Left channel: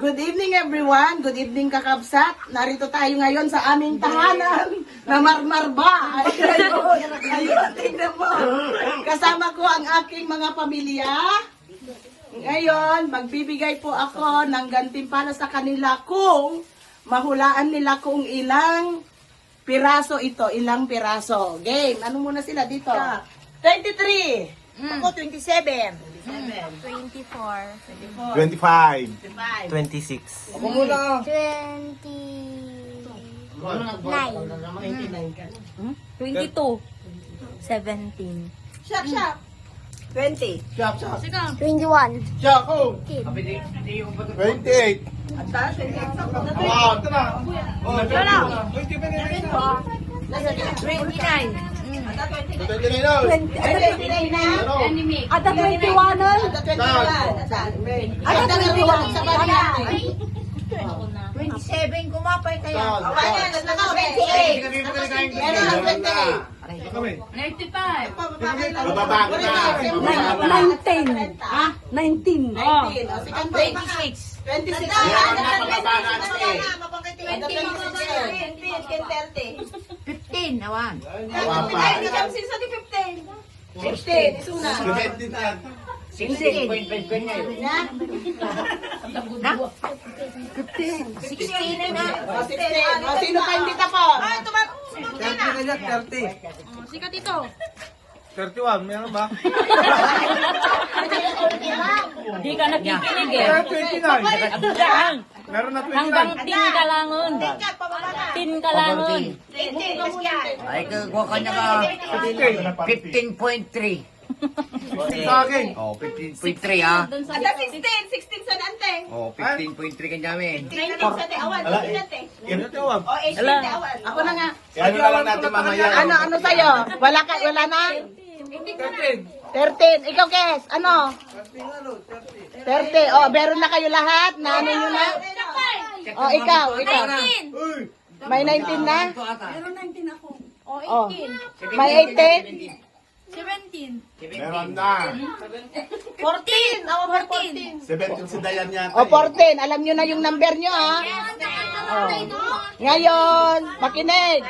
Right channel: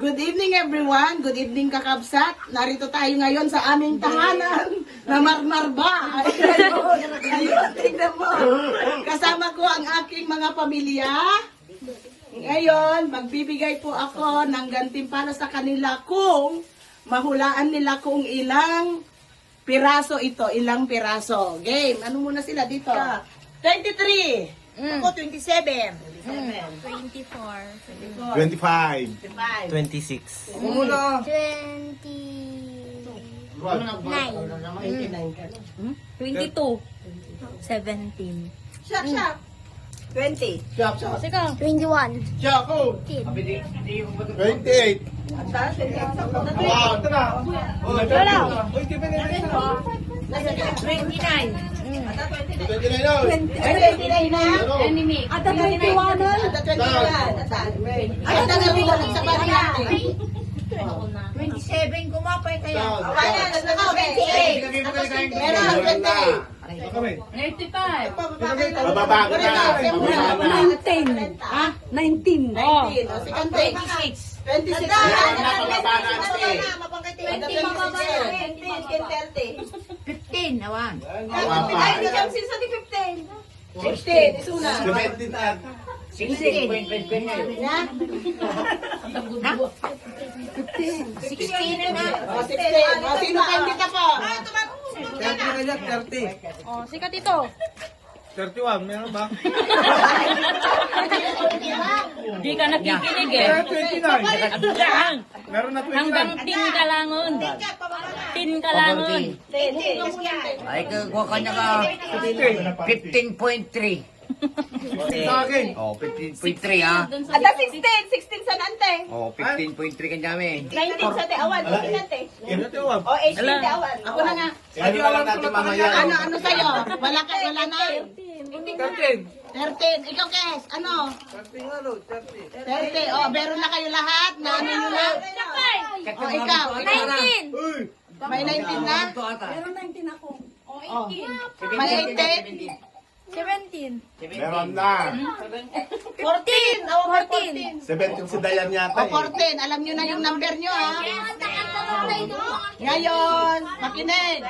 Good evening everyone. Good evening kakabsat. Narito tayo ngayon sa aming tahanan na marmarba. Ayun, tingnan mo. Kasama ko ang aking mga pamilya. Ngayon, magbibigay po ako ng gantimpala sa kanila kung mahulaan nila kung ilang piraso ito. Ilang piraso. Game. Ano muna sila dito? 23. Ako, 27. 24. 25. 26. 22. 17. Shop, shop. 20. 21. 28. At taas, 29. 29 na. 29 na. At 21. At 21 sa banya. 27 kumapay kaya. Meron ang 20. Bababa ko na. 19. Ha? 19. 19. O, si Kantoy. 26. 26. Ada 15, awan. 15. Isuna. 16. 16 na. O, 16. O, sino pa hindi ka po? 30. Oh, sikat ito. 31, meron ba? Di ka nakikinig eh. 29. Meron na 29. Hanggang tin ka langon. Tin ka langon. Ay, kuha ka niya ka 15.3. Sa akin. Oh, 15.3 ha. Ada 16. 16 sa nante. Oh, 15.3 ka namin. 19 sa te awan. Ano tawag? O, 18 te awan. Ako na nga. Ano na lang natin mamaya. Ano sa'yo? Wala na? 13. 13. Ikaw, Kes. Ano? 30. O, meron na kayo lahat? Na ano nyo na? O, ikaw. 19. Uy! May 19 na? Meron 19 ako. Oh, O. 18. May 18? 17. Meron na. 14. O, 14. 17 si Dayan yata. O, 14. Alam nyo na yung number nyo, ha? Ngayon, makinig.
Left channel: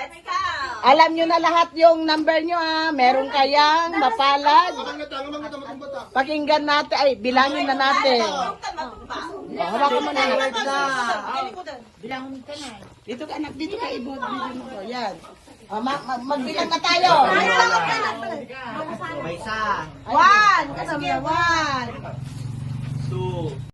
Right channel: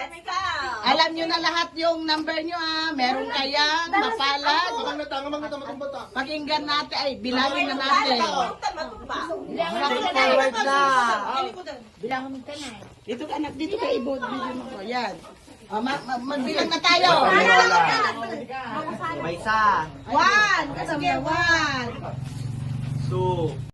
Alam nyo na lahat yung number nyo, ha? Meron kayang napalad. Pakinggan natin. Ay, bilangin na natin. Dito ka, anak. Dito ka, ibod. Yan. Magbilang na tayo. May isa. 1. Sige, 1. 2.